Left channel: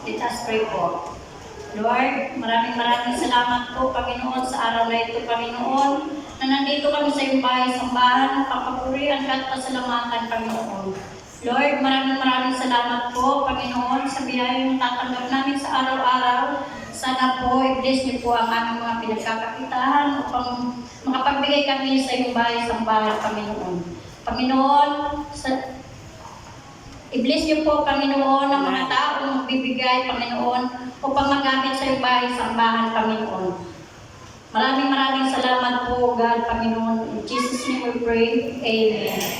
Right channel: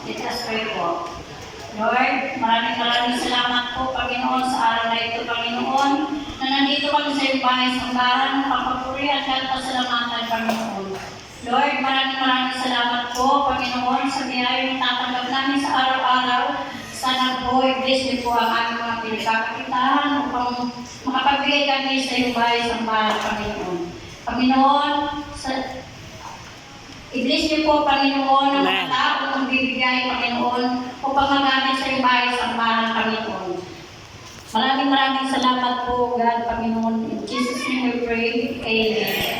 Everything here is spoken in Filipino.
Let us pray po. Lord, maraming salamat po, Panginoon, sa araw na ito, Panginoon, na nandito kami sa iyong bahay-sambahan, papapurihan at pasalamatan, Panginoon. Lord, maraming salamat po, Panginoon, sa biyayang tatanggap namin sa araw-araw. Sana po, i-bless niyo po ang aming mga pinagkakakitahan upang makapagbigay kami sa iyong bahay-sambahan, Panginoon. Panginoon, i-bless niyo po, Panginoon, ang mga taong magbibigay, Panginoon, upang magamit sa iyong bahay-sambahan, Panginoon. Maraming salamat po, God, Panginoon. In Jesus' name we pray. Amen.